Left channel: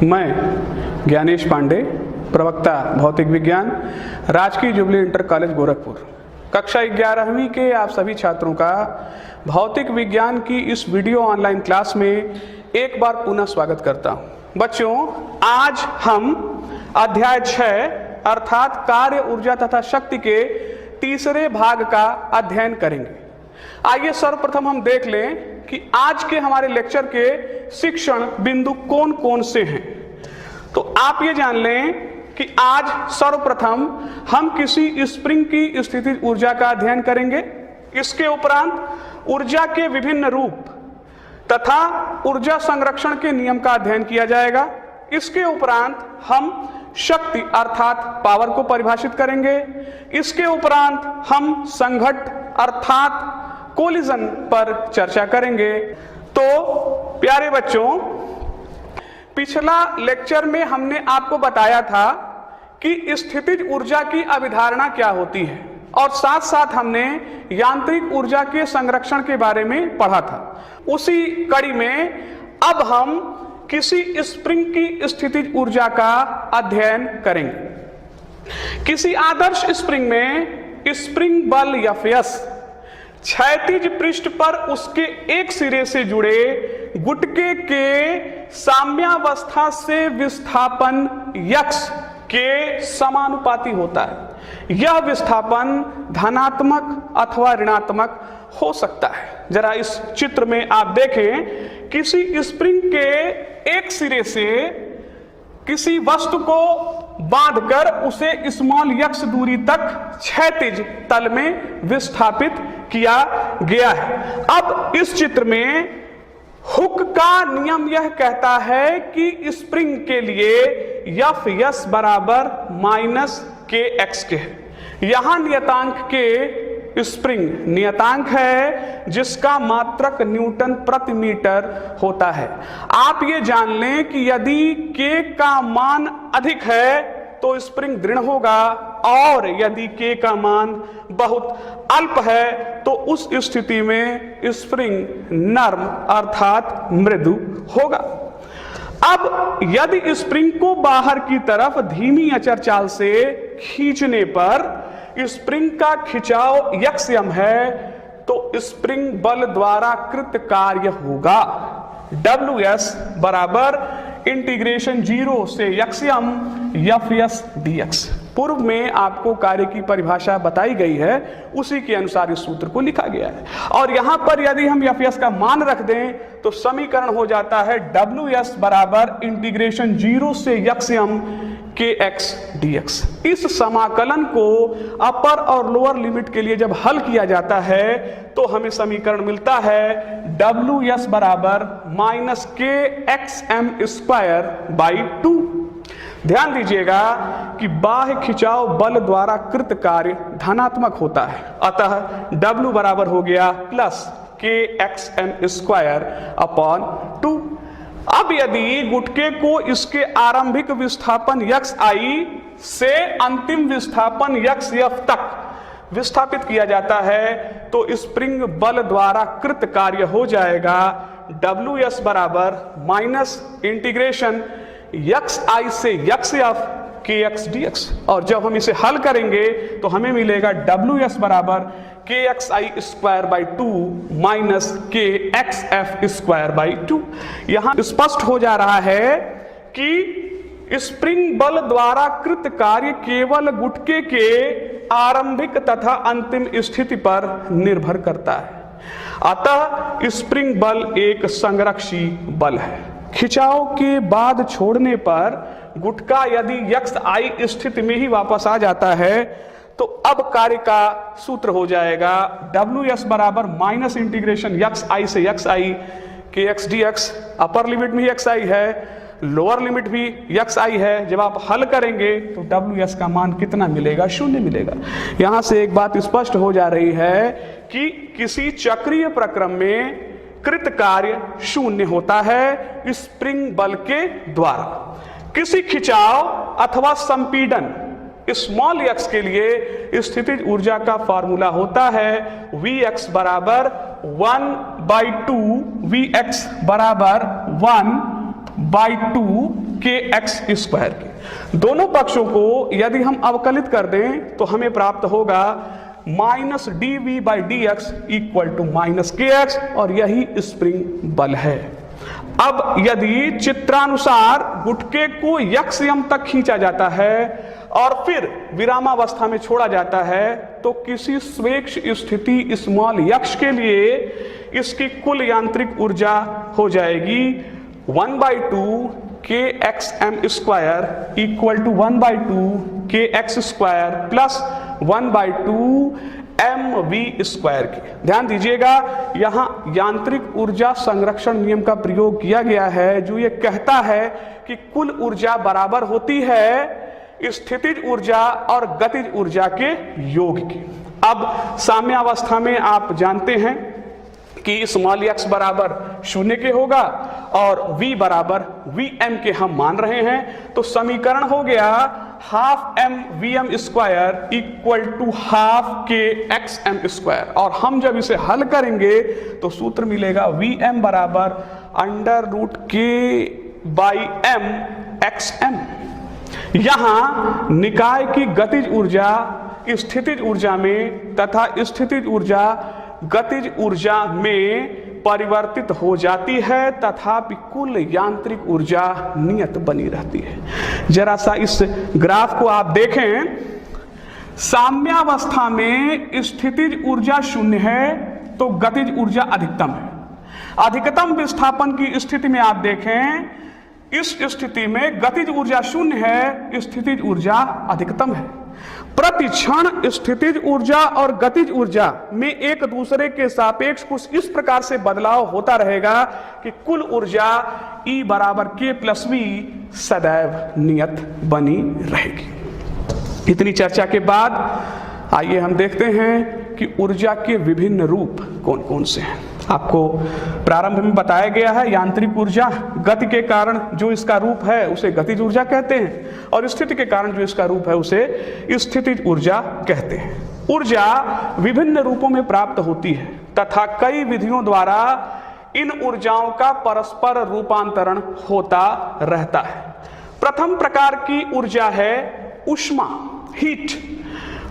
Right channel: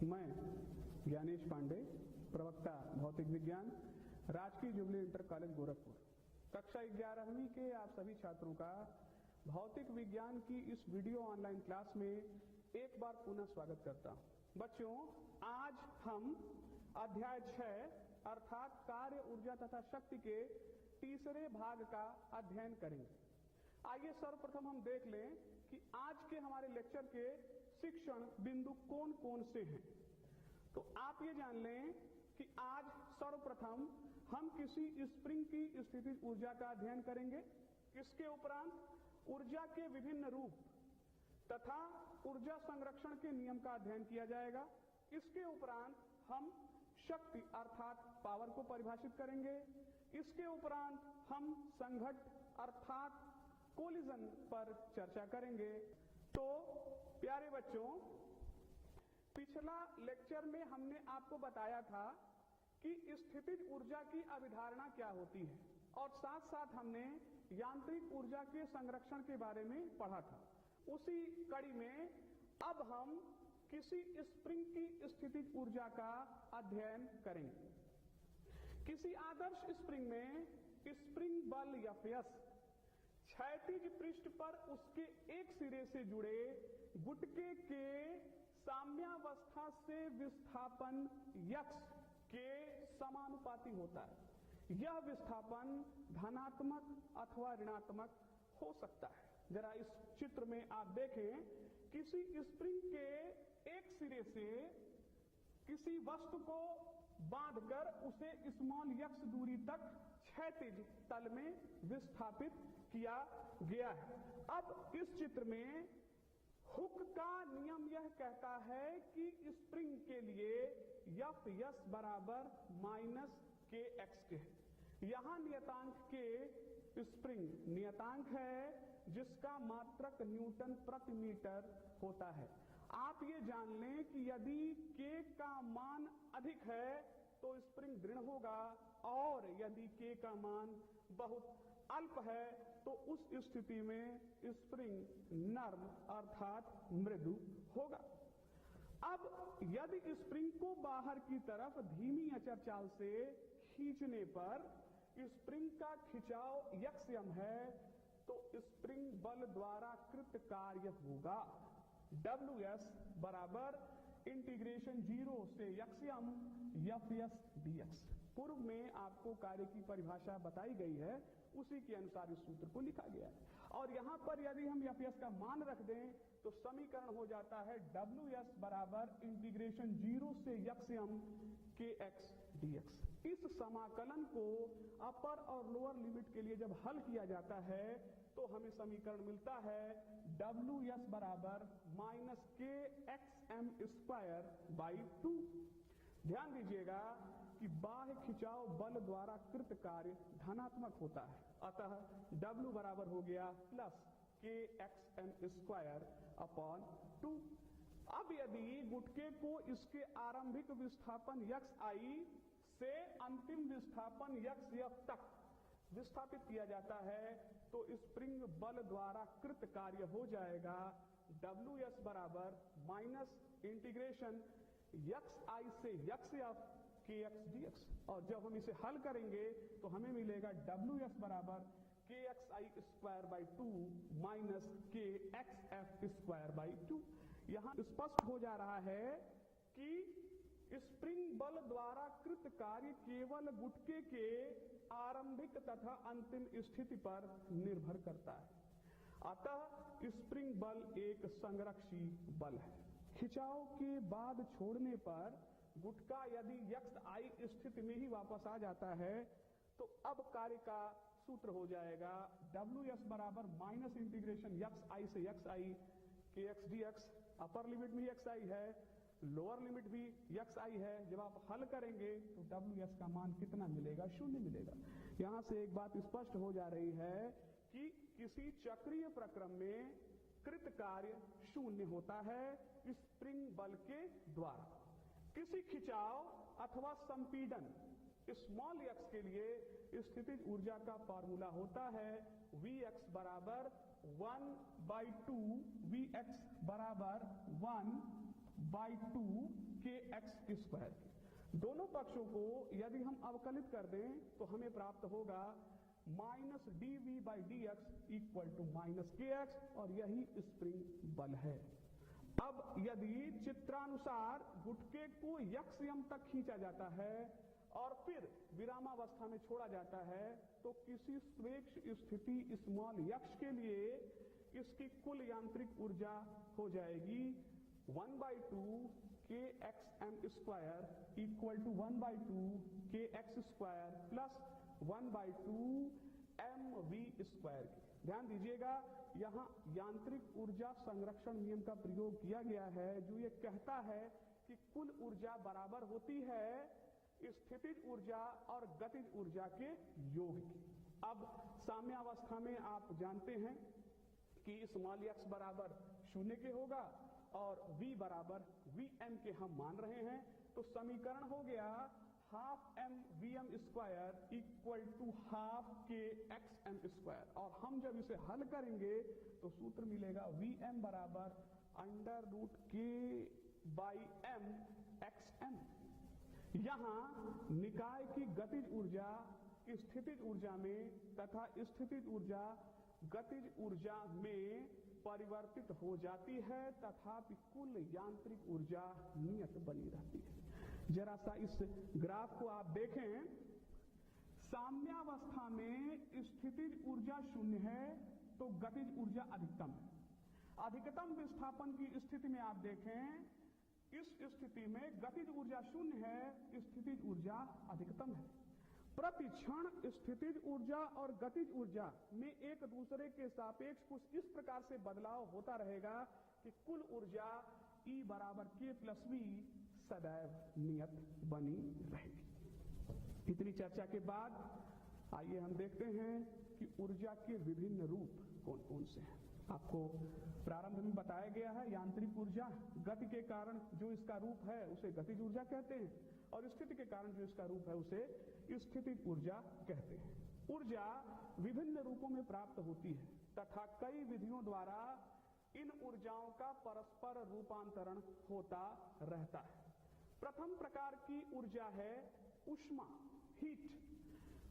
मैं ज्ञानेश पांडे, प्रवक्ता भौतिक विज्ञान, राजकीय जुबली इंटर कॉलेज गोरखपुर, कक्षा 11वीं के आप सभी छात्रों का भौतिक विज्ञान की इस वीडियो ऑनलाइन क्लास में एक बार पुनः स्वागत करता हूं। बच्चों, आज हम अध्याय 6 अर्थात कार्य, ऊर्जा तथा शक्ति के तीसरे भाग का अध्ययन करेंगे। आइए सर्वप्रथम हम देख लें कि आज के हमारे लेक्चर के शिक्षण बिंदु कौन कौन से हैं। तो आप ये जान लें कि आज सर्वप्रथम हम किसी स्प्रिंग की स्थितिज ऊर्जा का अध्ययन करेंगे। इसके उपरांत ऊर्जा के विभिन्न रूप तथा ऊर्जा संरक्षण के नियम का अध्ययन किया जाएगा। इसके उपरांत हम शक्ति अर्थात पावर को परिभाषित करेंगे। इसके उपरांत हम संघट्ट अर्थात कोलिजन पर चर्चा करेंगे। तो प्यारे बच्चों, पिछला लेक्चर में हमने आपको बताया था कि स्थितिज ऊर्जा की अवधारणा क्या होती है और साथ साथ हमने यांत्रिक ऊर्जा के संरक्षण के बारे में पढ़ा था। उसी कड़ी में अब हम किसी स्प्रिंग की स्थितिज ऊर्जा का अध्ययन करेंगे। किसी आदर्श स्प्रिंग में स्प्रिंग बल या फोर्स क्षैतिज पृष्ठ पर उसके एक सिरे से जुड़े गुटके के साम्यावस्था से विस्थापन यक्स के समानुपाती होता है। यह विस्थापन धनात्मक अथवा ऋणात्मक हो सकता है। जरा इस चित्र में आप देखें, किसी स्प्रिंग के एक सिरे से किसी वस्तु को बांधकर उसे स्मॉल यक्स दूरी तक क्षैतिज तल में विस्थापित किया गया है। अब इस चित्र में हुक का नियम यह कहता है कि स्प्रिंग के लिए एफ एस बराबर माइनस के एक्स के है। यहां नियतांक के स्प्रिंग नियतांक है जिसका मात्रक न्यूटन प्रति मीटर होता है। आप ये जान लें कि यदि के का मान अधिक है तो स्प्रिंग दृढ़ होगा और यदि के का मान बहुत अल्प है तो उस स्थिति में स्प्रिंग नर्म अर्थात मृदु होगा। अब यदि स्प्रिंग को बाहर की तरफ धीमी अचर चाल से खींचने पर स्प्रिंग का खिंचाव यक्सम है तो स्प्रिंग बल द्वारा कृत कार्य होगा WS बराबर इंटीग्रेशन 0 से यक्सम एफ dx। पूर्व में आपको कार्य की परिभाषा बताई गई है, उसी के अनुसार इस सूत्र को लिखा गया है। और यहां पर यदि हम एफ का मान रख दें तो समीकरण हो जाता है WS बराबर इंटीग्रेशन 0 से यक्सम kx dx। इस समाकलन को अपर और लोअर लिमिट के लिए जब हल किया जाता है तो हमें समीकरण मिलता है WS बराबर माइनस kxm स्क्वायर बाई 2। ध्यान दीजिएगा कि बाह्य खिंचाव बल द्वारा कृत कार्य धनात्मक होता है, अतः W बराबर हो गया प्लस kxm स्क्वायर अपॉन 2। अब यदि गुटके को इसके आरंभिक विस्थापन xi से अंतिम विस्थापन xf तक विस्थापित किया जाता है तो स्प्रिंग बल द्वारा कृत कार्य हो जाएगा WS बराबर माइनस इंटीग्रेशन xi से xf kx dx। और जब हम इसे हल करेंगे तो हमें मिलेगा WS बराबर kxi square by 2 minus kxf square by 2। यहां स्पष्ट हो जा रहा है कि स्प्रिंग बल द्वारा कृत कार्य केवल गुटके के आरंभिक तथा अंतिम स्थिति पर निर्भर करता है। अतः स्प्रिंग बल एक संरक्षी बल है। खिंचाव के बाद छोड़ने पर गुटका यदि xi स्थिति में ही वापस आ जाता है तो अब कार्य का सूत्र हो जाएगा WS बराबर माइनस इंटीग्रेशन xi से xi kx dx। Upper limit में xi है, लोअर लिमिट भी xi है। जब आप हल करेंगे तो WS का मान कितना मिलेगा? 0 मिलेगा। यहां से एक बात स्पष्ट हो जा रही है कि किसी चक्रीय प्रक्रम में कृत कार्य 0 होता है स्प्रिंग बल के द्वारा। किसी खिंचाव अथवा संपीड़न स्मॉल x के लिए स्थितिज ऊर्जा का फार्मूला होता है Vx बराबर 1/2 Vx बराबर 1/2 kx² के। दोनों पक्षों को यदि हम अवकलित कर दें तो हमें प्राप्त होगा -dv/dx = -kx, और यही स्प्रिंग बल है। अब यदि चित्रानुसार गुटके को यक्ष यम तक खींचा जाता है और फिर विरामावस्था में छोड़ा जाता है, तो किसी स्वेच्छ स्थिति स्मॉल यक्ष के लिए इसकी कुल यांत्रिक ऊर्जा हो जाएगी 1/2 kxm² = 1/2 kx² प्लस 1/2 mv² के। ध्यान दीजिएगा, यहां यांत्रिक ऊर्जा संरक्षण नियम का प्रयोग किया गया है, जो ये कहता है कि कुल ऊर्जा बराबर होती है स्थितिज ऊर्जा और गतिज ऊर्जा के योग की। अब साम्यावस्था में आप जानते हैं कि स्मॉल x बराबर 0 के होगा और v बराबर vm के हम मान रहे हैं, तो समीकरण हो गया 12mvm² = 12kxm²। और हम जब इसे हल करेंगे तो सूत्र मिलेगा vm बराबर √k/m(xm). यहां निकाय की गतिज ऊर्जा स्थितिज ऊर्जा में तथा स्थितिज ऊर्जा गतिज ऊर्जा में परिवर्तित हो जाती है, तथापि कुल यांत्रिक ऊर्जा नियत बनी रहती है। जरा सा इस ग्राफ को आप देखें, साम्यावस्था में स्थितिज ऊर्जा 0 है तो गतिज ऊर्जा अधिकतम है। अधिकतम विस्थापन की स्थिति में आप देखें, इस स्थिति में गतिज ऊर्जा 0 है, स्थितिज ऊर्जा अधिकतम है। प्रति क्षण स्थितिज ऊर्जा और गतिज ऊर्जा में एक दूसरे के सापेक्ष कुछ इस प्रकार से बदलाव होता रहेगा कि कुल ऊर्जा E = k+v सदैव नियत बनी रहेगी। इतनी चर्चा के बाद आइए हम देखते हैं कि ऊर्जा के विभिन्न रूप कौन कौन से हैं। आपको प्रारंभ में बताया गया है यांत्रिक ऊर्जा गति के कारण जो इसका रूप है उसे गतिज ऊर्जा कहते हैं, और स्थिति के कारण जो इसका रूप है उसे स्थितिज ऊर्जा कहते हैं। ऊर्जा विभिन्न रूपों में प्राप्त होती है तथा कई विधियों द्वारा इन ऊर्जाओं का परस्पर रूपांतरण होता रहता है। प्रथम प्रकार की ऊर्जा है ऊष्मा, हीट।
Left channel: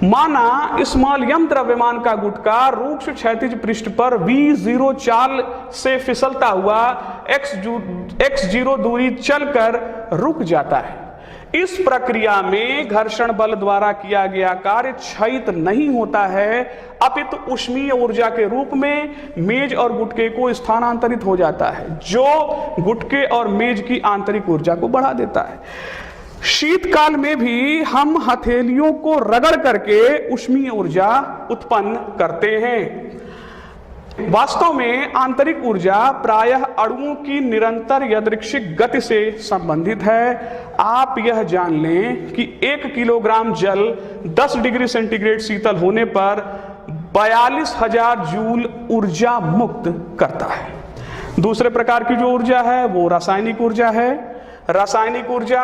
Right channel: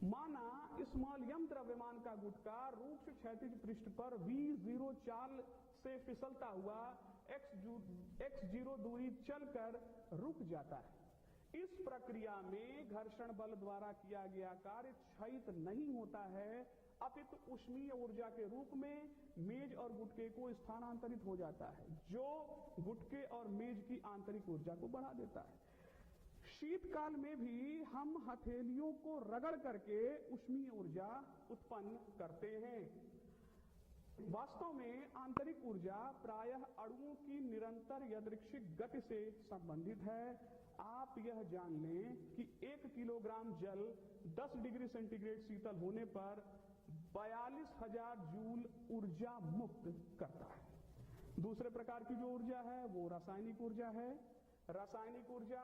माना स्मॉल यम द्रव्यमान का गुटका रूक्ष क्षैतिज पृष्ठ पर v0 चाल से फिसलता हुआ x0 दूरी चलकर रुक जाता है। इस प्रक्रिया में घर्षण बल द्वारा किया गया कार्य क्षयित नहीं होता है, अपितु ऊष्मीय ऊर्जा के रूप में मेज और गुटके को स्थानांतरित हो जाता है, जो गुटके और मेज की आंतरिक ऊर्जा को बढ़ा देता है। शीतकाल में भी हम हथेलियों को रगड़ करके ऊष्मीय ऊर्जा उत्पन्न करते हैं। वास्तव में आंतरिक ऊर्जा प्रायः अणुओं की निरंतर यादृच्छिक गति से संबंधित है। आप यह जान लें कि 1 किलोग्राम जल 10 डिग्री सेंटीग्रेड शीतल होने पर 42,000 जूल ऊर्जा मुक्त करता है। दूसरे प्रकार की जो ऊर्जा है वो रासायनिक ऊर्जा है। रासायनिक ऊर्जा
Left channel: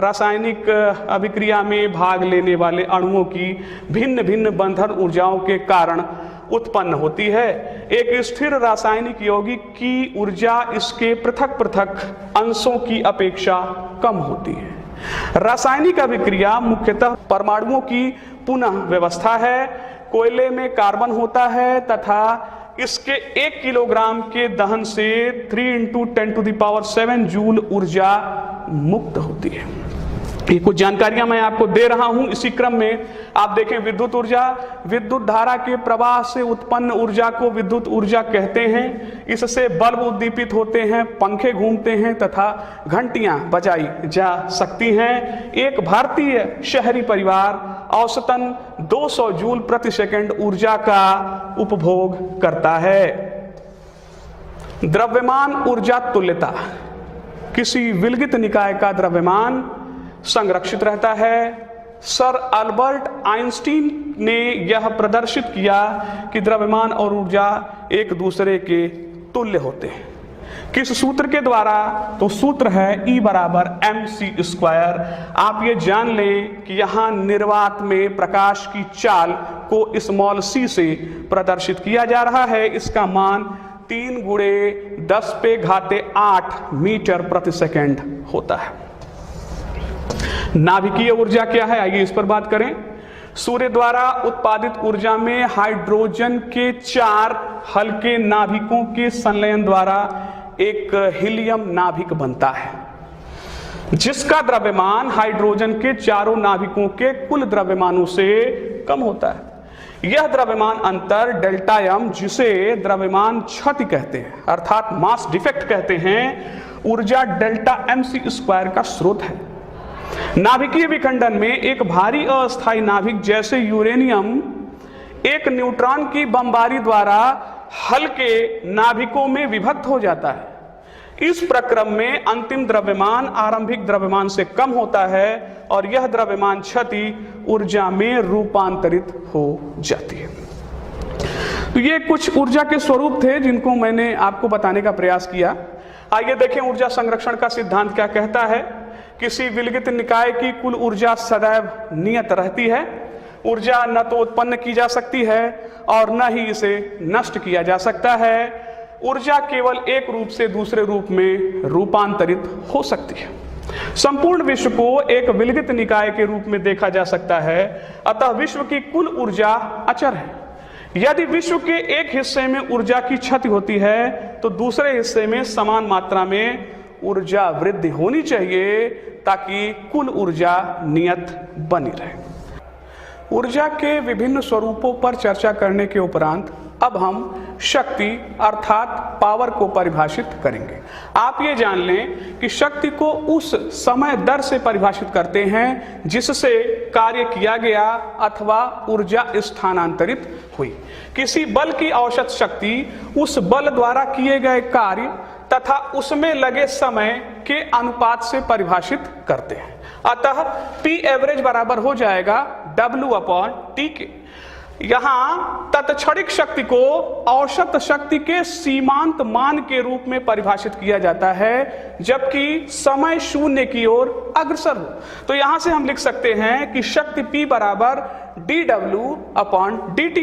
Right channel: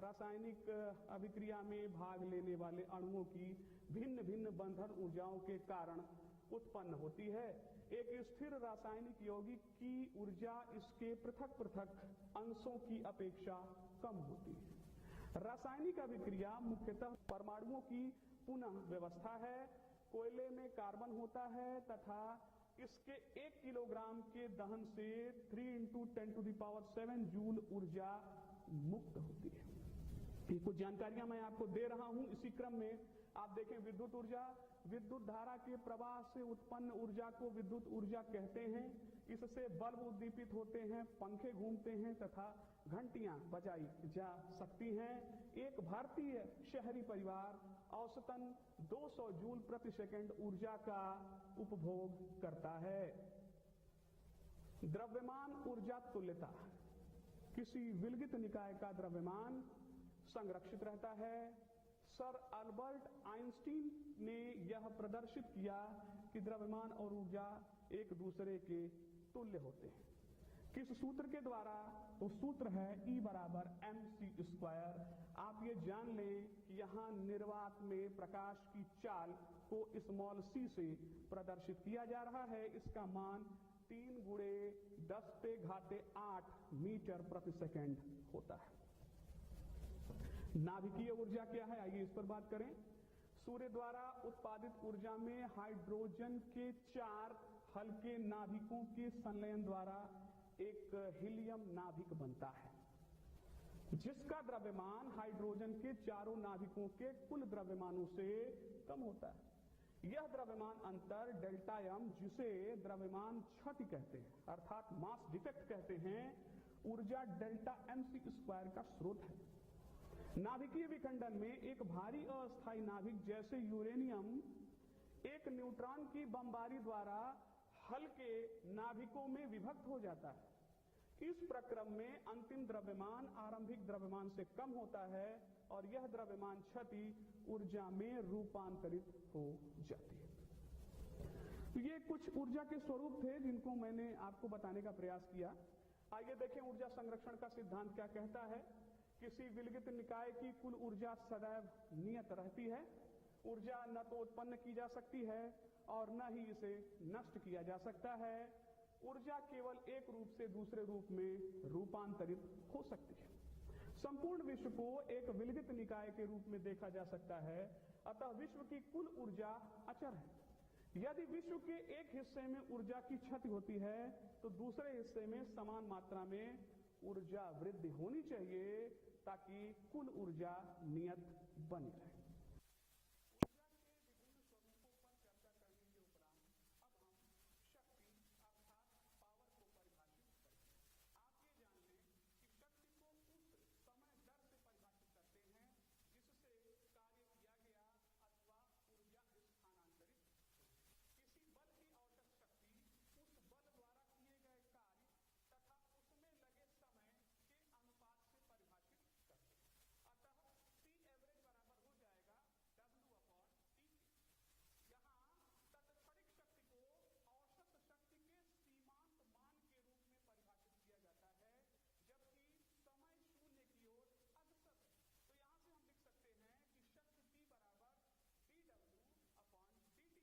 रासायनिक अभिक्रिया में भाग लेने वाले अणुओं की भिन्न भिन्न बंधन ऊर्जाओं के कारण उत्पन्न होती है। एक स्थिर रासायनिक यौगिक की ऊर्जा इसके पृथक पृथक अंशों की अपेक्षा कम होती है। रासायनिक अभिक्रिया मुख्यतः परमाणुओं की पुनः व्यवस्था है। कोयले में कार्बन होता है तथा इसके 1 किलोग्राम के दहन से 3 × 10⁷ जूल ऊर्जा मुक्त होती है। ये कुछ जानकारियां मैं आपको दे रहा हूं। इसी क्रम में आप देखें विद्युत ऊर्जा, विद्युत धारा के प्रवाह से उत्पन्न ऊर्जा को विद्युत ऊर्जा कहते हैं। इससे बल्ब उद्दीपित होते हैं, पंखे घूमते हैं तथा घंटियां बजाई जा सकती हैं। एक भारतीय शहरी परिवार औसतन 200 जूल प्रति सेकंड ऊर्जा का उपभोग करता है। द्रव्यमान ऊर्जा तुल्यता। किसी विलगित निकाय का द्रव्यमान संरक्षित रहता है। सर अल्बर्ट आइंस्टीन ने यह प्रदर्शित किया कि द्रव्यमान और ऊर्जा एक दूसरे के तुल्य होते हैं। किस सूत्र के द्वारा? तो सूत्र है E = mc²। आप ये जान लें कि यहाँ निर्वात में प्रकाश की चाल को स्मॉल c से प्रदर्शित किया जा रहा है। इसका मान 3 × 10⁸ मीटर प्रति सेकंड होता है। नाभिकीय ऊर्जा क्या है, आइए इस पर बात करें। सूर्य द्वारा उत्पादित ऊर्जा में हाइड्रोजन के 4 हल्के नाभिकों के संलयन द्वारा एक हीलियम नाभिक बनता है, जिसका द्रव्यमान हाइड्रोजन के चारों नाभिकों के कुल द्रव्यमानों से कम होता है। यह द्रव्यमान अंतर डेल्टा एम, जिसे द्रव्यमान क्षति कहते हैं अर्थात मास डिफेक्ट कहते हैं, ऊर्जा डेल्टा mc² का स्रोत है। नाभिकीय विखंडन में एक भारी अस्थायी नाभिक जैसे यूरेनियम एक न्यूट्रॉन की बमबारी द्वारा हल्के नाभिकों में विभक्त हो जाता है। इस प्रक्रम में अंतिम द्रव्यमान आरंभिक द्रव्यमान से कम होता है और यह द्रव्यमान क्षति ऊर्जा में रूपांतरित हो जाती है। तो ये कुछ ऊर्जा के स्वरूप थे जिनको मैंने आपको बताने का प्रयास किया। आइए देखें ऊर्जा संरक्षण का सिद्धांत क्या कहता है। किसी विलगित निकाय की कुल ऊर्जा सदैव नियत रहती है। ऊर्जा न तो उत्पन्न की जा सकती है और न ही इसे नष्ट किया जा सकता है। ऊर्जा केवल एक रूप से दूसरे रूप में रूपांतरित हो सकती है। संपूर्ण विश्व को एक विलगित निकाय के रूप में देखा जा सकता है, अतः विश्व की कुल ऊर्जा अचर है। यदि विश्व के एक हिस्से में ऊर्जा की क्षति होती है तो दूसरे हिस्से में समान मात्रा में ऊर्जा वृद्धि होनी चाहिए ताकि कुल ऊर्जा नियत बनी रहे। ऊर्जा के विभिन्न स्वरूपों पर चर्चा करने के उपरांत अब हम शक्ति अर्थात पावर को परिभाषित करेंगे। आप ये जान लें कि शक्ति को उस समय दर से परिभाषित करते हैं जिससे कार्य किया गया अथवा ऊर्जा स्थानांतरित हुई। किसी बल की औसत शक्ति उस बल द्वारा किए गए कार्य तथा उसमें लगे समय के अनुपात से परिभाषित करते हैं। अतः P एवरेज बराबर हो जाएगा W/T के। यहाँ तत्क्षणिक शक्ति को औसत शक्ति के सीमांत मान के रूप में परिभाषित किया जाता है, जबकि समय शून्य की ओर अग्रसर हो। तो यहाँ से हम लिख सकते हैं कि शक्ति P बराबर dW/dt।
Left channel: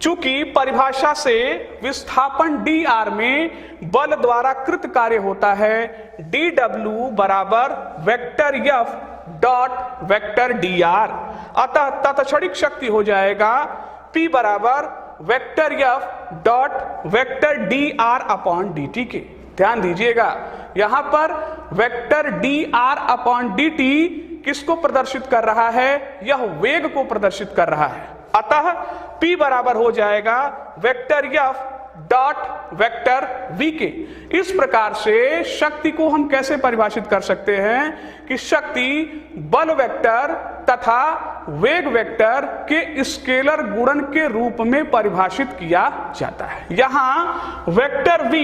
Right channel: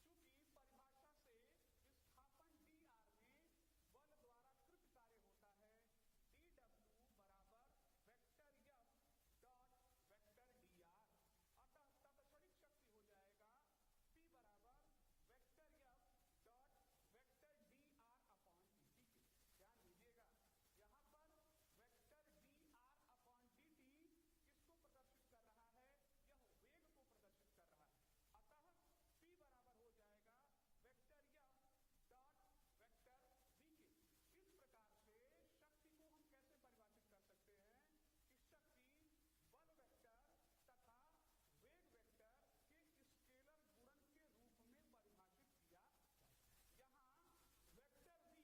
चूंकि परिभाषा से विस्थापन dr में बल द्वारा कृत कार्य होता है, dW बराबर vector F dot vector dr। अतः तत्क्षणिक शक्ति हो जाएगा P बराबर vector F dot vector dr/dt के। ध्यान दीजिएगा, यहां पर वेक्टर dr/dt किसको प्रदर्शित कर रहा है? यह वेग को प्रदर्शित कर रहा है। अतः P बराबर हो जाएगा vector F dot vector v के। इस प्रकार से शक्ति को हम कैसे परिभाषित कर सकते हैं कि शक्ति बल वेक्टर तथा वेग वेक्टर के स्केलर गुणन के रूप में परिभाषित किया जाता है। यहाँ वेक्टर v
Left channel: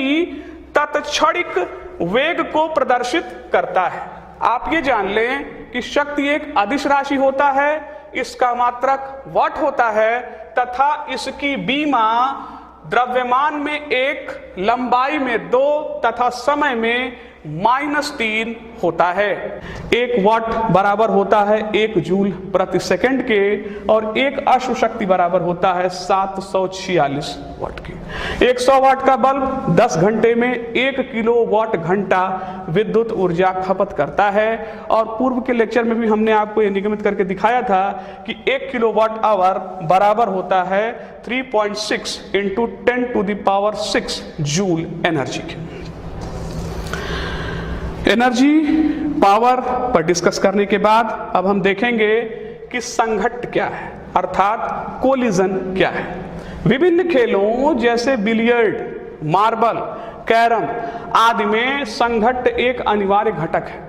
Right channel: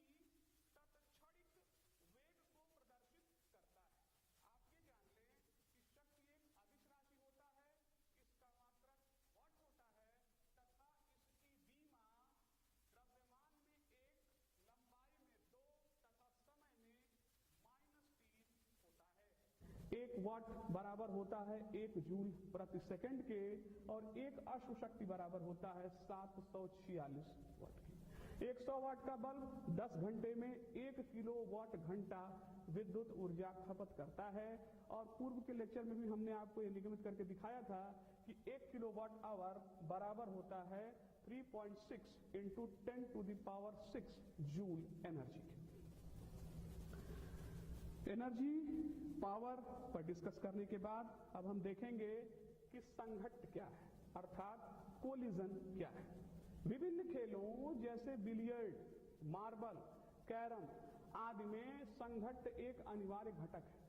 तत्क्षणिक वेग को प्रदर्शित करता है। आप ये जान लें कि शक्ति एक अदिश राशि होता है, इसका मात्रक वाट होता है तथा इसकी बीमा द्रव्यमान में 1, लंबाई में 2 तथा समय में -3 होता है। 1 वाट बराबर होता है 1 जूल प्रति सेकंड के और 1 अश्व शक्ति बराबर होता है 746 वाट की। 100 वाट का बल्ब 10 घंटे में 1 किलोवाट घंटा विद्युत ऊर्जा खपत करता है। और पूर्व के लेक्चर में भी हमने आपको ये निगमित करके दिखाया था कि 1 किलोवाट आवर बराबर होता है 3.6 × 10⁶ जूल एनर्जी के। एनर्जी पावर पर डिस्कस करने के बाद अब हम देखेंगे कि संघट्ट क्या है अर्थात कोलिजन क्या है। विभिन्न खेलों जैसे बिलियर्ड, मार्बल, कैरम आदि में संघट्ट एक अनिवार्य घटक है।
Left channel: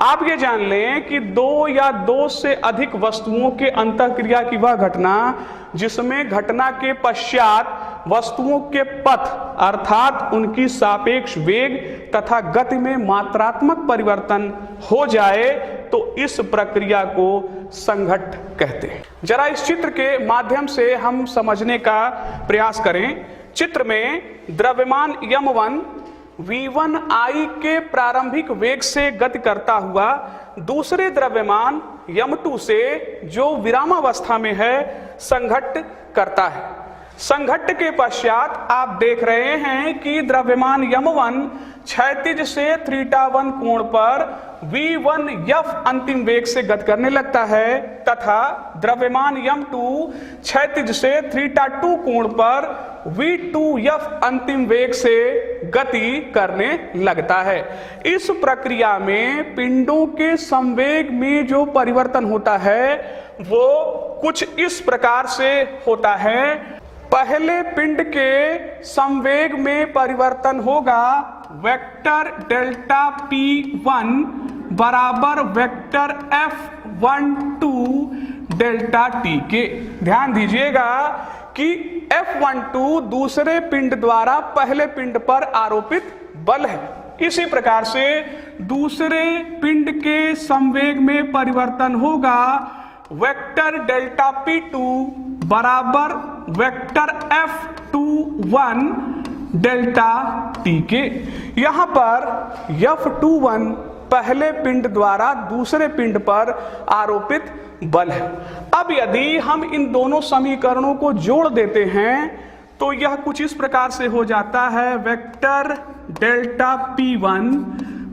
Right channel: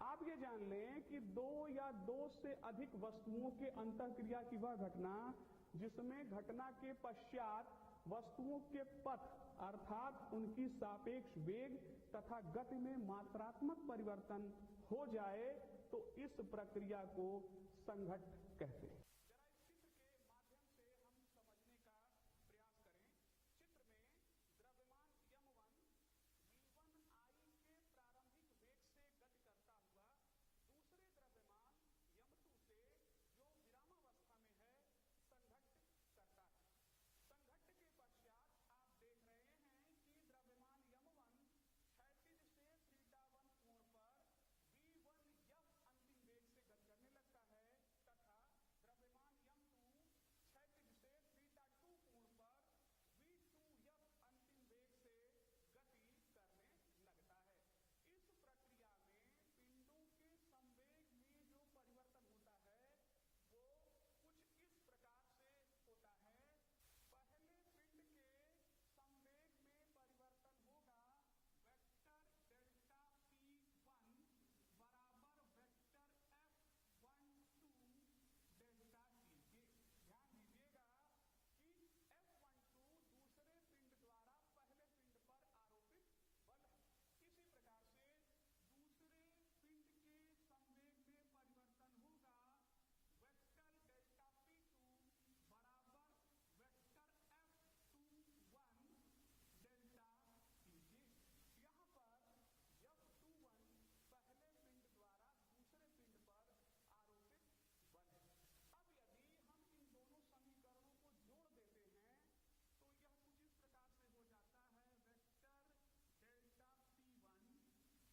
आप ये जान लें कि 2 या 2 से अधिक वस्तुओं के अंतःक्रिया की वह घटना जिसमें घटना के पश्चात वस्तुओं के पथ अर्थात उनकी सापेक्ष वेग तथा गति में मात्रात्मक परिवर्तन हो जाए तो इस प्रक्रिया को संघट्ट कहते हैं। जरा इस चित्र के माध्यम से हम समझने का प्रयास करें। चित्र में द्रव्यमान m1 v1i के प्रारंभिक वेग से गति करता हुआ दूसरे द्रव्यमान m2 से जो विरामावस्था में है संघट्ट करता है। संघट्ट के पश्चात आप देख रहे हैं कि द्रव्यमान यम1 क्षैतिज से θ1 कोण पर v1f अंतिम वेग से गति करने लगता है तथा द्रव्यमान यम2 क्षैतिज से θ2 कोण पर v2f अंतिम वेग से गति करने लगता है। इस प्रक्रिया में पिंडों के संवेग में जो परिवर्तन होता है वो कुछ इस प्रकार से होता है। पहले पिंड के संवेग में परिवर्तन होगा वेक्टर डेल्टा P1 बराबर वेक्टर F12 डेल्टा T के। ध्यान दीजिएगा कि F12 दूसरे पिंड द्वारा पहले पिंड पर आरोपित बल है। इसी प्रकार से दूसरे पिंड के संवेग में परिवर्तन होगा वेक्टर डेल्टा P2 बराबर वेक्टर F21 डेल्टा T के। यहां पर F21 पहले पिंड द्वारा दूसरे पिंड पर आरोपित बल है। अब यदि हम इन दोनों समीकरणों को जोड़ देते हैं तो यह कुछ इस प्रकार से हो जाता है vector delta P1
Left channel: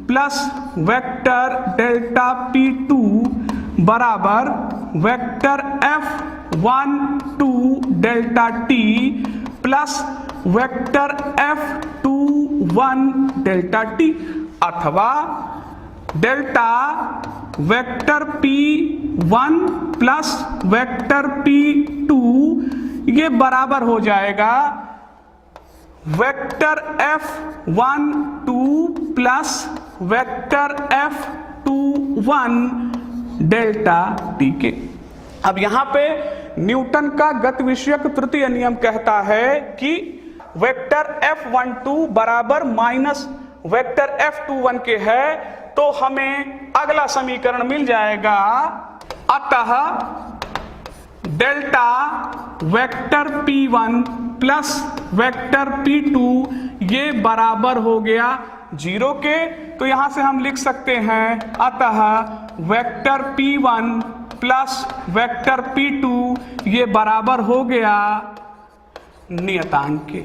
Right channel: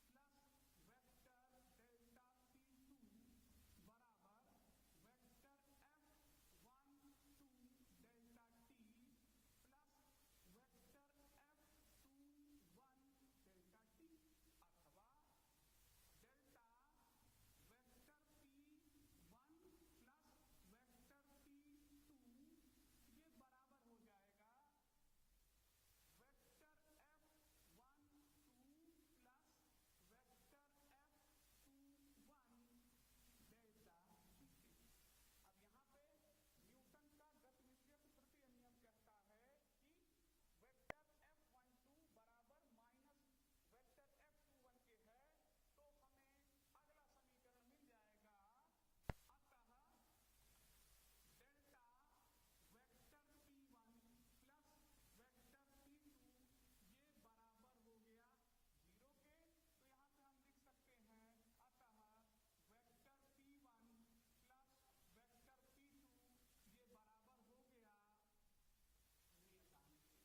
plus vector delta P2 बराबर vector F12 delta T plus vector F21 delta T अथवा delta vector P1 plus vector P2 ये बराबर हो जाएगा vector F12 plus vector F21 delta T के। अब यहां पे न्यूटन का गति विषयक तृतीय नियम कहता है कि वेक्टर F12 बराबर माइनस वेक्टर F21 के है तो हमें अगला समीकरण मिल जाएगा। अतः delta vector P1 plus vector P2 ये बराबर हो गया 0 के। तो यहां से हम लिख सकते हैं अतः vector P1 plus vector P2 ये बराबर हो गया नियतांक के।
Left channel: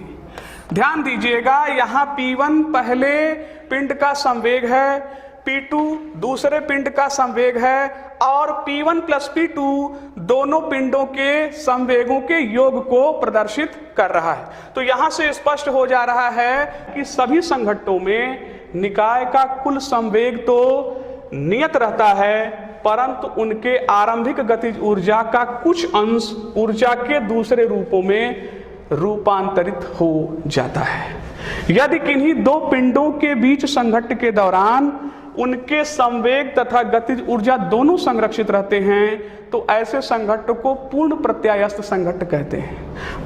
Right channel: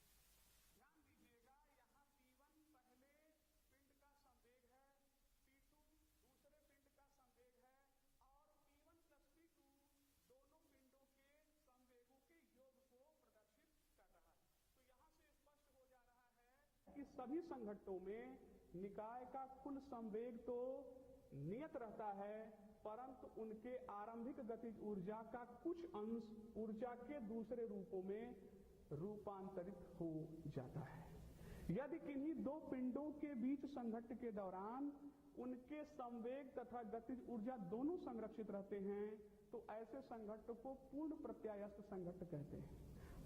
ध्यान दीजिएगा यहां P1 पहले पिंड का संवेग है, P2 दूसरे पिंड का संवेग है और P1 प्लस P2 दोनों पिंडों के संवेगों के योग को प्रदर्शित कर रहा है। तो यहां से स्पष्ट हो जा रहा है कि सभी संघट्टों में निकाय का कुल संवेग तो नियत रहता है परंतु उनके आरंभिक गतिज ऊर्जा का कुछ अंश ऊर्जा के दूसरे रूपों में रूपांतरित हो जाता है। यदि किन्हीं दो पिंडों के बीच संघट्ट के दौरान उनके संवेग तथा गतिज ऊर्जा दोनों संरक्षित रहते हैं तो ऐसे संघट्ट को पूर्ण प्रत्यायस्थ संघट्ट कहते हैं।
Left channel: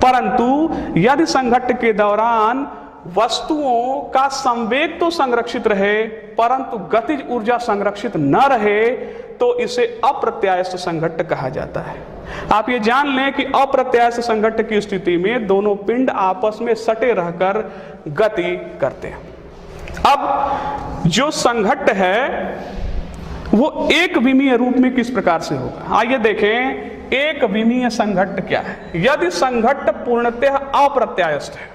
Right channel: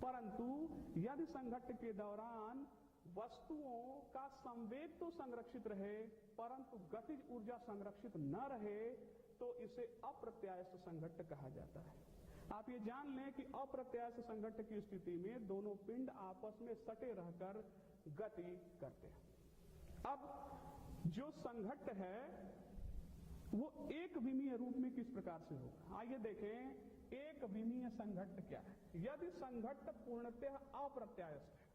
परंतु यदि संघट्ट के दौरान वस्तुओं का संवेग तो संरक्षित रहे परंतु गतिज ऊर्जा संरक्षित न रहे तो इसे अप्रत्यायस्थ संघट्ट कहा जाता है। आप ये जान लें कि अप्रत्यायस्थ संघट्ट की स्थिति में दोनों पिंड आपस में सटे रहकर गति करते हैं। अब जो संघट्ट है वो एक विमीय रूप में किस प्रकार से होगा, आइए देखें। एक विमीय संघट्ट क्या है। यदि संघट्ट पूर्णतः अप्रत्यायस्थ है,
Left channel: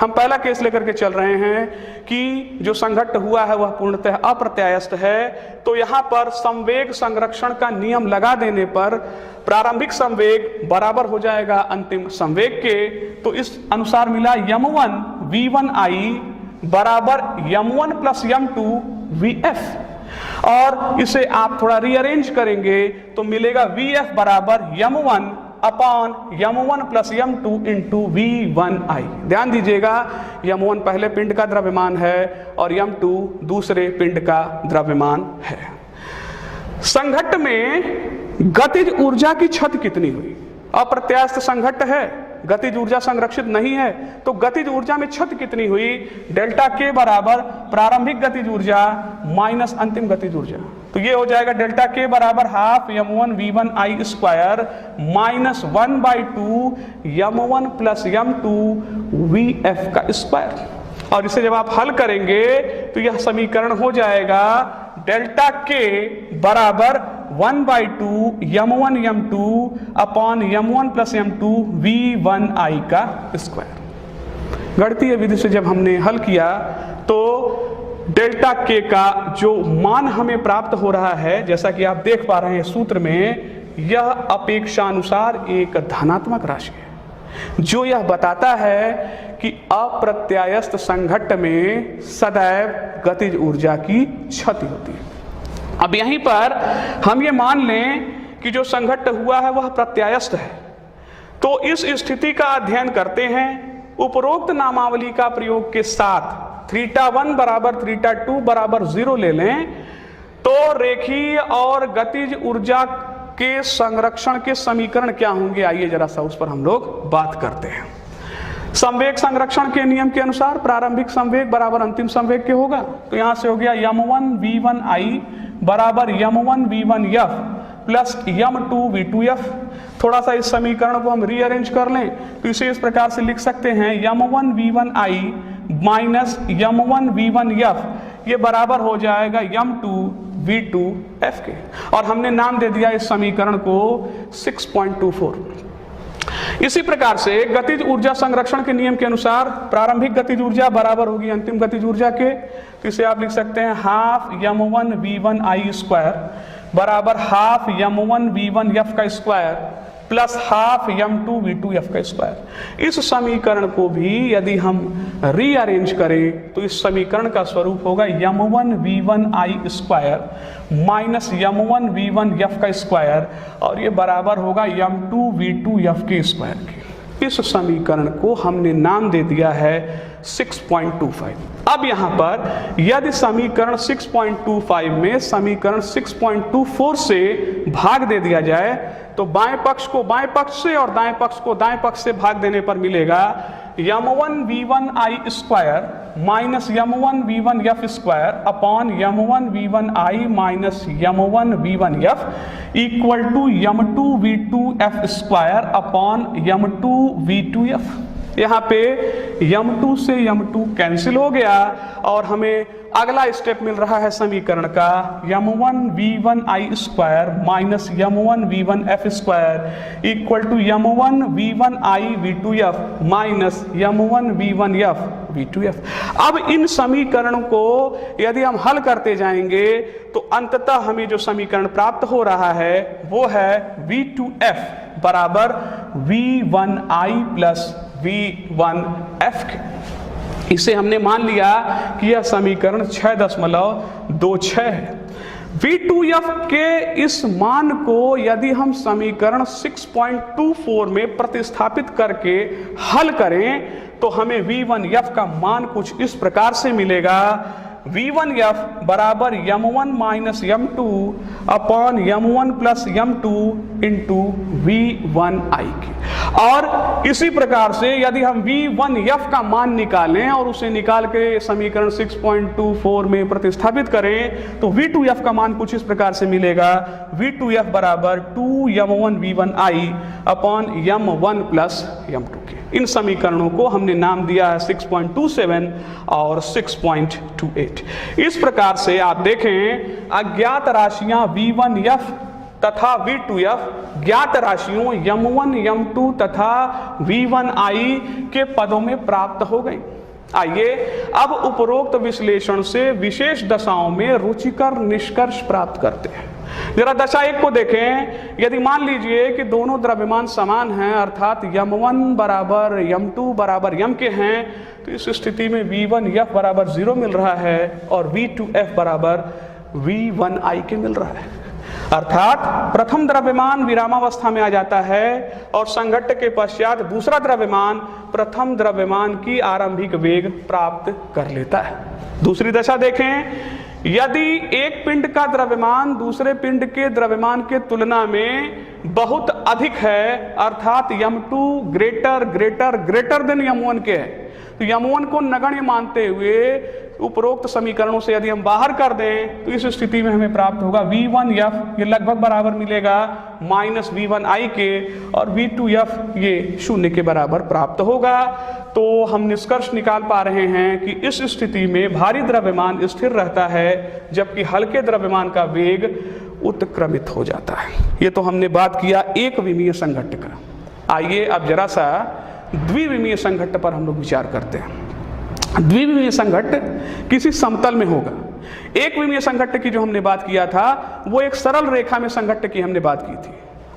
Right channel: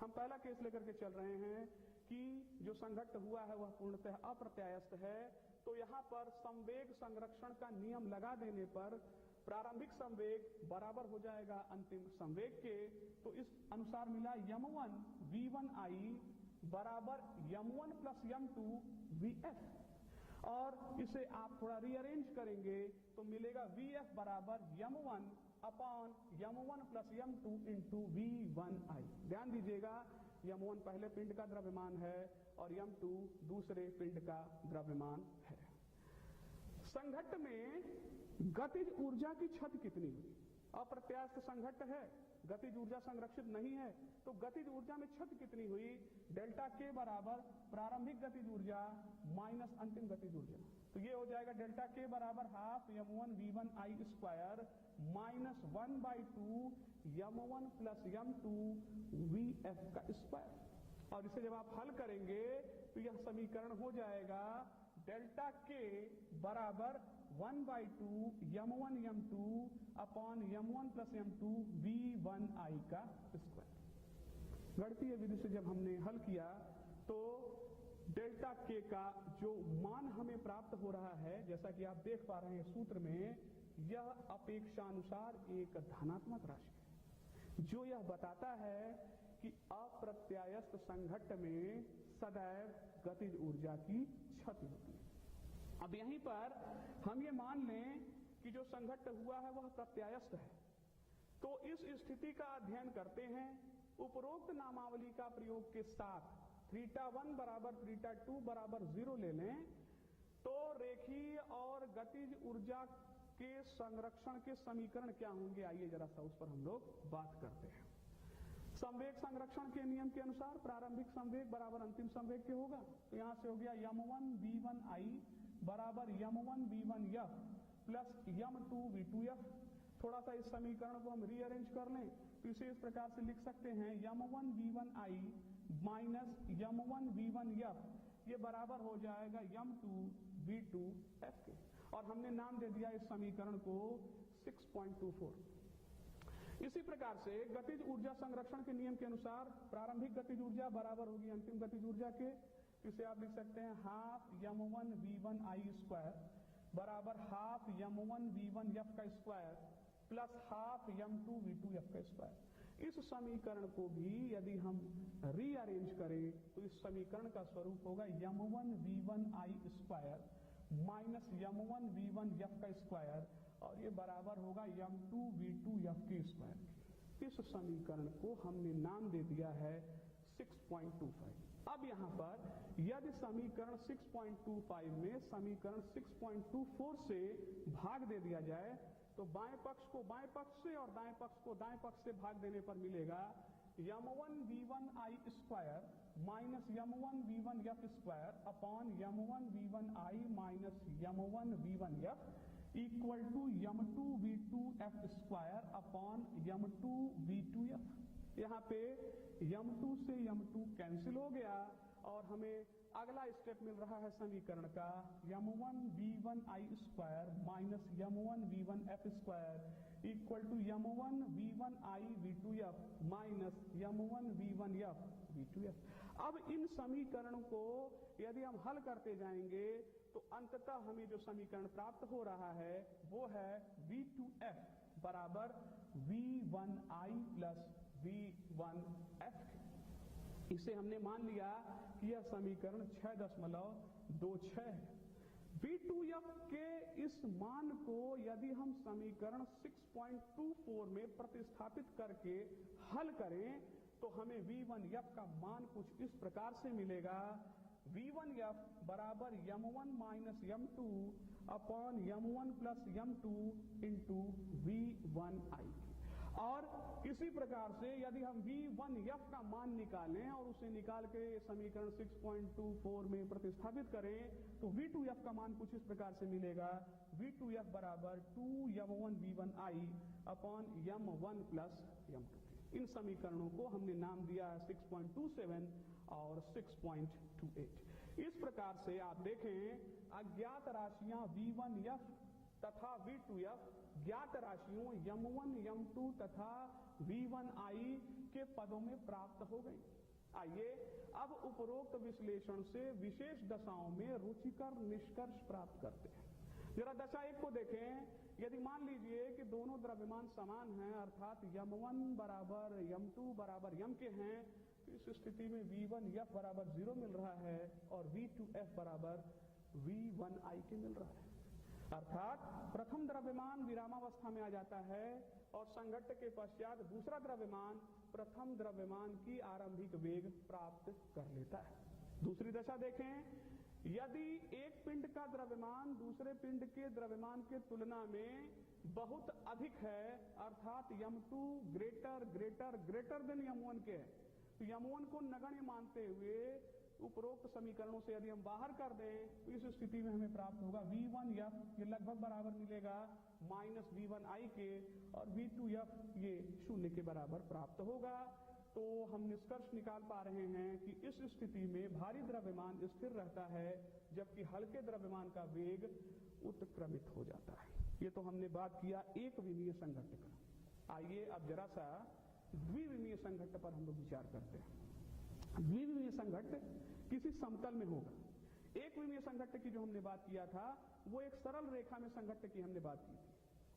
हम पहला केस लेकर के चल रहे हैं कि जो संघट्ट हुआ है वह पूर्णतः अप्रत्यायस्थ है, तो यहां पर संवेग संरक्षण का नियम लगा देने पर प्रारंभिक संवेग बराबर हो जाएगा अंतिम संवेग के। तो इस अनुसार मिला m1 v1i बराबर m1 प्लस m2 vf और इसे आप थोड़ा रीअरेंज करेंगे तो मिलेगा vf बराबर m1 upon m1 plus m2 into v1i। ध्यान दीजिएगा m1 पहले पिंड का द्रव्यमान है और m2 दूसरे पिंड का द्रव्यमान है। संघट्ट में गतिज ऊर्जा की क्षति कितनी हुई। अप्रत्यास्थ संघट्ट है, गतिज ऊर्जा संरक्षित नहीं है, तो गतिज ऊर्जा में क्षति कितनी हुई। डेल्टा के बराबर प्रारंभिक गतिज ऊर्जा माइनस अंतिम गतिज ऊर्जा, तो ये हो जाएगा डेल्टा के बराबर half m1 v1i square minus 1/2 m1 plus m2 vf का स्क्वायर। और इसे जब आप हल करेंगे तो यह समीकरण हो जाएगा डेल्टा के बराबर 1/2 m1 m2 upon m1 plus m2 v1i का स्क्वायर। गणितीय विधि से जब हमने हल किया तो डेल्टा के का जो मान हमें प्राप्त हो रहा है, जैसा कि आप देख पा रहे हैं सूत्र में, यह अपेक्षानुसार एक धनात्मक राशि है, जो यह बताता है कि अप्रत्यायस्थ संघट्ट में सदैव गतिज ऊर्जा की क्षति होती है। अब यहीं पर हम ये मान लें कि जो संघट्ट हुआ है वह प्रत्यायस्थ है, तो इस स्थिति का अध्ययन करते हैं। उपरोक्त नामावली का प्रयोग के साथ θ1 बराबर θ2 बराबर 0 ले लें तो रेखीय और गतिज ऊर्जा के संरक्षण के समीकरण क्या होंगे, आइए जरा सा उस पर हम लोग बात करते हैं। संवेग संरक्षण के नियम के अनुसार प्रारंभिक संवेग बराबर अंतिम संवेग के होगा, तो यहां से हो गया m1 v1i बराबर m1 v1f plus m2 v2f। थोड़ा सा इस समीकरण को हम रीअरेंज कर लें तो इसे इस प्रकार से लिख सकते हैं m1 v1i minus m1 v1f, ये बराबर हो जाएगा m2 v2f के, और हमने नाम दे दिया इस समीकरण को 6.24। इसी प्रकार से गतिज ऊर्जा संरक्षण के नियम के अनुसार प्रारंभिक गतिज ऊर्जा बराबर होगी अंतिम गतिज ऊर्जा के, तो इसे आप लिख सकते हैं हाफ m1 v1i स्क्वायर बराबर हाफ m1 v1f का square plus half m2 v2f का स्क्वायर। इस समीकरण को भी यदि हम रीअरेंज करें तो इस समीकरण का स्वरूप होगा m1 v1i square minus m1 v1f का स्क्वायर, और ये बराबर होगा m2 v2f के स्क्वायर के। इस समीकरण को हमने नाम दे दिया है 6.25। अब यहाँ पर यदि समीकरण 6.25 में समीकरण 6.24 से भाग दे दिया जाए तो बाएं पक्ष को बाएं पक्ष से और दाएं पक्ष को दाएं पक्ष से भाग देने पर मिलेगा m1 v1i square minus m1 v1f square upon m1 v1i minus m1 v1f equal to m2 v2f square upon m2 v2f। यहाँ पे m2 से m2 कैंसिल हो गया और हमें अगला स्टेप मिल रहा है समीकरण का m1 v1i square minus m1 v1f square equal to m1 v1i v2f minus m1 v1f v2f। अब इन समीकरणों को यदि हम हल करते जाएंगे तो अंततः हमें जो समीकरण प्राप्त हो रहा है वो है v2f बराबर v1i प्लस v1f के। इसे हमने मान लिया कि यह समीकरण 6.26 है। v2f के इस मान को यदि हम समीकरण 6.24 में प्रतिस्थापित करके हल करें तो हमें v1f का मान कुछ इस प्रकार से मिलेगा v1f बराबर m1 minus m2 upon m1 plus m2 into v1i की। और इसी प्रकार से यदि हम v1f का मान निकालें और उसे निकाल के समीकरण 6.24 में प्रतिस्थापित करें तो v2f का मान कुछ इस प्रकार से मिलेगा v2f बराबर 2m1 v1i upon m1 plus m2 के। इन समीकरणों को हमने नाम दिया है 6.27 और 6.28। इस प्रकार से आप देखें अज्ञात राशियां v1f तथा v2f ज्ञात राशियों m1 m2 तथा v1i के पदों में प्राप्त हो गई। आइए अब उपरोक्त विश्लेषण से विशेष दशाओं में रुचिकर निष्कर्ष प्राप्त करते हैं। जरा दशा एक को देखें। यदि मान लीजिए कि दोनों द्रव्यमान समान हैं अर्थात m1 बराबर m2 बराबर m के हैं तो इस स्थिति में v1f बराबर 0 मिल रहा है और v2f बराबर v1i के मिल रहा है, अर्थात प्रथम द्रव्यमान विरामावस्था में आ जाता है और संघट्ट के पश्चात दूसरा द्रव्यमान प्रथम द्रव्यमान की आरंभिक वेग प्राप्त कर लेता है। दूसरी दशा देखें। यदि एक पिंड का द्रव्यमान दूसरे पिंड के द्रव्यमान के तुलना में बहुत अधिक है अर्थात m2 greater greater greater than m1 के है तो m1 को नगण्य मानते हुए उपरोक्त समीकरणों से यदि हम बाहर कर दें तो इस स्थिति में हमें प्राप्त होगा v1f ये लगभग बराबर मिलेगा माइनस v1i के और v2f ये 0 के बराबर प्राप्त होगा। तो हम निष्कर्ष निकाल पा रहे हैं कि इस स्थिति में भारी द्रव्यमान स्थिर रहता है जबकि हल्के द्रव्यमान का वेग उत्क्रमित हो जाता है। ये तो हमने बात किया एक विमीय संघट्ट का। आइए अब जरा सा द्विविमीय संघट्ट पर हम लोग विचार करते हैं। द्विविमीय संघट्ट किसी समतल में होगा। एक विमीय संघट्ट की जो हमने बात किया था वो एक सरल रेखा में संघट्ट की हमने बात की थी।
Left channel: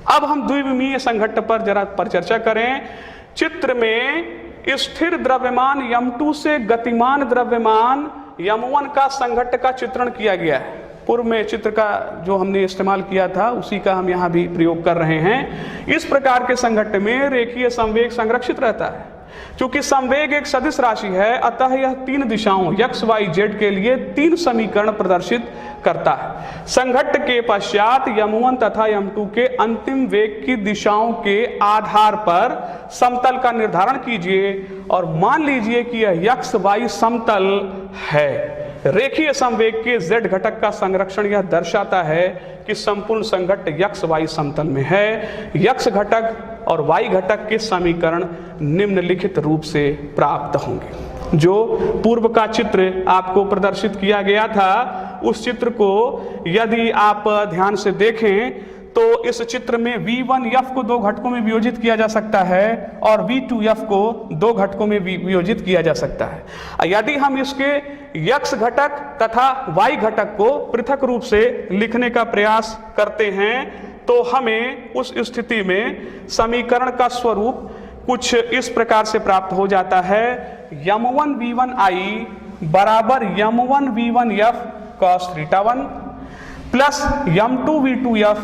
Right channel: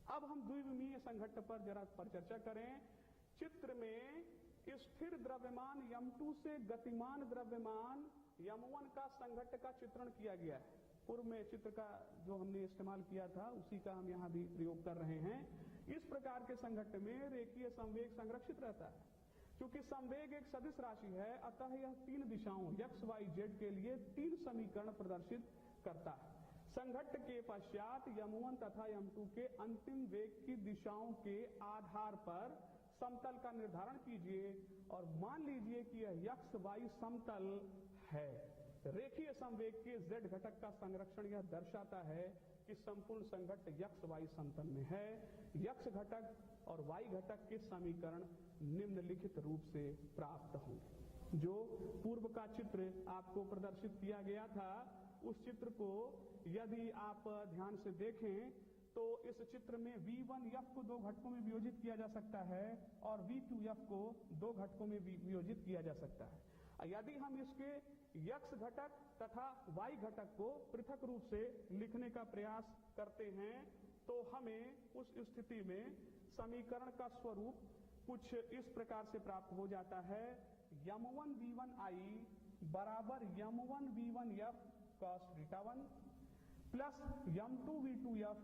अब हम द्विविमीय संघट्ट पर जरा चर्चा करें। चित्र में स्थिर द्रव्यमान m2 से गतिमान द्रव्यमान m1 का संघट्ट का चित्रण किया गया है। पूर्व में चित्र का जो हमने इस्तेमाल किया था उसी का हम यहाँ भी प्रयोग कर रहे हैं। इस प्रकार के संघट्ट में रेखीय संवेग संरक्षित रहता है। चूंकि संवेग एक सदिश राशि है, अतः यह तीन दिशाओं x, y, z के लिए तीन समीकरण प्रदर्शित करता है। संघट्ट के पश्चात m1 तथा m2 के अंतिम वेग की दिशाओं के आधार पर समतल का निर्धारण कीजिए और मान लीजिए कि यह x, y समतल है। रेखीय संवेग के z घटक का संरक्षण यह दर्शाता है कि संपूर्ण संघट्ट x, y समतल में है। x घटक और y घटक के समीकरण निम्नलिखित रूप से प्राप्त होंगे। जो पूर्व का चित्र आपको प्रदर्शित किया गया था, उस चित्र को यदि आप ध्यान से देखें तो इस चित्र में V1F को दो घटकों में वियोजित किया जा सकता है और V2F को दो घटकों में वियोजित किया जा सकता है। यदि हम इसके x घटक तथा y घटक को पृथक रूप से लिखने का प्रयास करते हैं तो हमें उस स्थिति में समीकरण का स्वरूप कुछ इस प्रकार से प्राप्त हो जाता है। m1v1i बराबर m1v1f cos θ1 plus m2v2f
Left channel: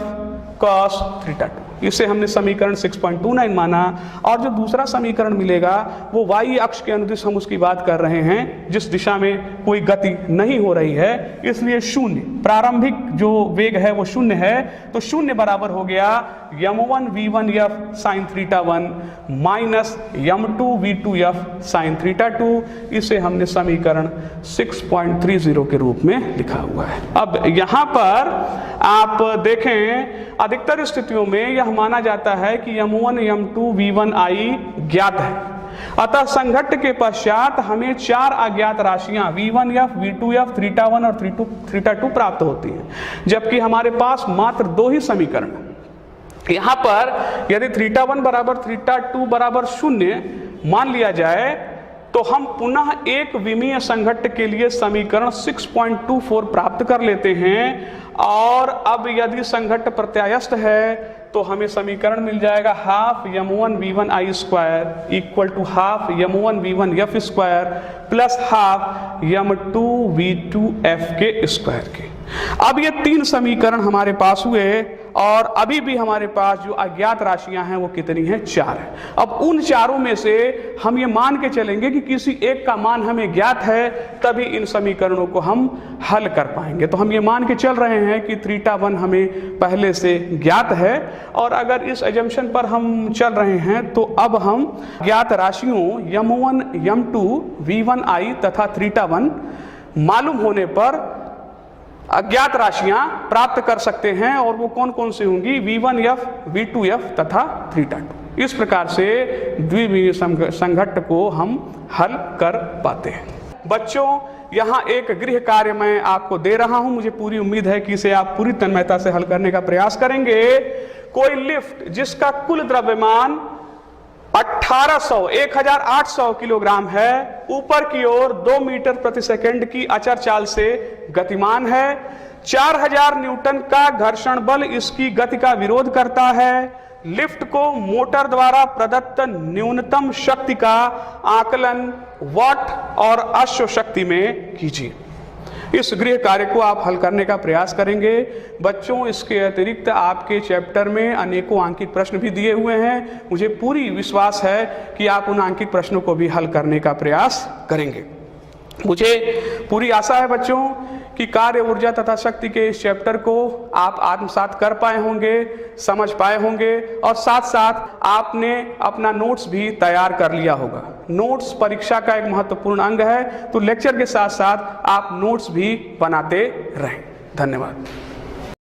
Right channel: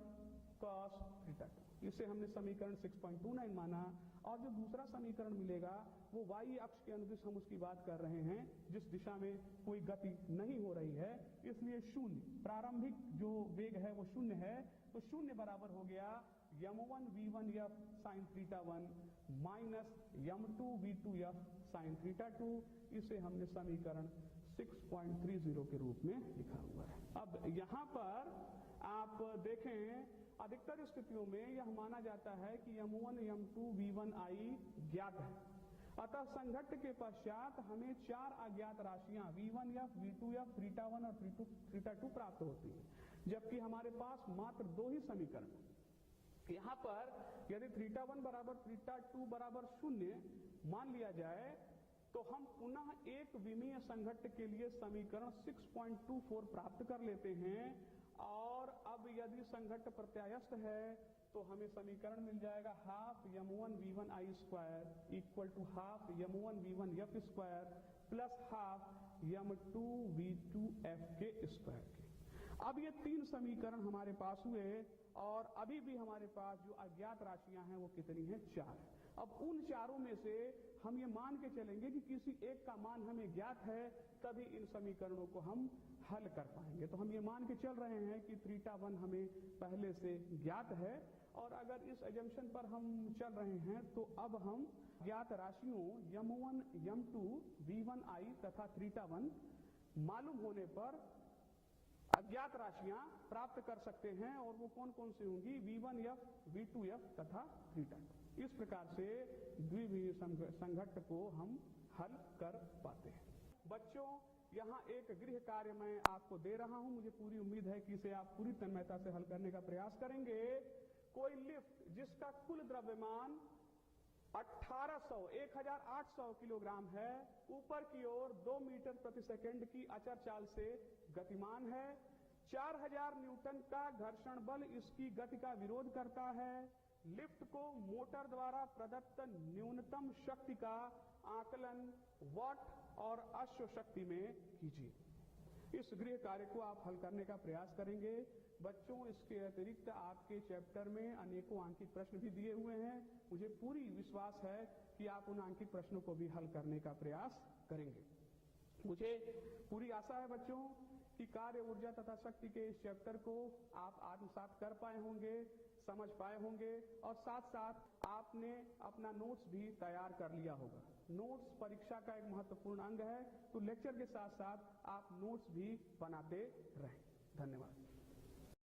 cos θ2। इसे हमने समीकरण 6.29 माना। और जो दूसरा समीकरण मिलेगा वो y अक्ष के अनुदिश हम उसकी बात कर रहे हैं, जिस दिशा में कोई गति नहीं हो रही है, इसलिए शून्य, प्रारंभिक जो वेग है वो शून्य है। तो शून्य बराबर हो गया m1v1f sin θ1 minus m2v2f sin θ2। इसे हमने समीकरण 6.30 के रूप में लिखा हुआ है। अब यहाँ पर आप देखें, अधिकतर स्थितियों में यह माना जाता है कि m1, m2, v1i ज्ञात है, अतः संघट्ट के पश्चात हमें चार अज्ञात राशियां v1f, v2f, θ1 और θ2 प्राप्त होती हैं, जबकि हमारे पास मात्र दो ही समीकरण हैं। यहाँ पर यदि θ1 बराबर θ2 बराबर 0 मान लिया जाए तो हम पुनः एक विमीय संघट्ट के लिए समीकरण 6.24 प्राप्त कर लेते हैं। और अब यदि संघट्ट प्रत्यायस्थ है तो हमें समीकरण मिल जाएगा half m1v1i square equal to half m1v1f square plus half m2v2f के स्क्वायर के। अब ये तीन समीकरण हमारे पास हुए और अभी भी हमारे पास जो अज्ञात राशियां हैं वो कितनी हैं? 4 है। अब उन चारों में से हम ये मान के चलेंगे कि किसी एक का मान हमें ज्ञात है, तभी इन समीकरणों को हम हल कर पाएंगे। तो हम ये मान के चल रहे हैं कि θ1 हमें पहले से ज्ञात है, और अगर इस एजम्पशन पर हम चल रहे हैं तो अब हम ज्ञात राशियों m1, m2, v1i तथा θ1 मालूम होने पर अज्ञात राशियां प्राप्त कर सकते हैं। और वो कौन कौन सी होंगी? v1f, v2f तथा θ2। इस प्रकार से द्विविमीय संघट्ट को हम हल कर पाते हैं। बच्चों, यहाँ एक गृह कार्य मैं आपको दे रहा हूं, मुझे पूरी उम्मीद है कि इसे आप पूरी तन्मयता से हल करने का प्रयास करेंगे। कोई लिफ्ट जिसका कुल द्रव्यमान 1800 किलोग्राम है, ऊपर की ओर 2 मीटर प्रति सेकंड की अचर चाल से गतिमान है। 4000 न्यूटन का घर्षण बल इसकी गति का विरोध करता है। लिफ्ट को मोटर द्वारा प्रदत्त न्यूनतम शक्ति का आकलन वाट और अश्व शक्ति में कीजिए। इस गृह कार्य को आप हल करने का प्रयास करेंगे। बच्चों, इसके अतिरिक्त आपके चैप्टर में अनेकों अंकित प्रश्न भी दिए हुए हैं। मुझे पूरी विश्वास है कि आप उन अंकित प्रश्नों को भी हल करने का प्रयास करेंगे। मुझे पूरी आशा है बच्चों कि कार्य, ऊर्जा तथा शक्ति के इस चैप्टर को आप आत्मसात कर पाए होंगे, समझ पाए होंगे, और साथ साथ आपने अपना नोट्स भी तैयार कर लिया होगा। नोट्स परीक्षा का एक महत्वपूर्ण अंग है, तो लेक्चर के साथ साथ आप नोट्स भी बनाते रहें। धन्यवाद।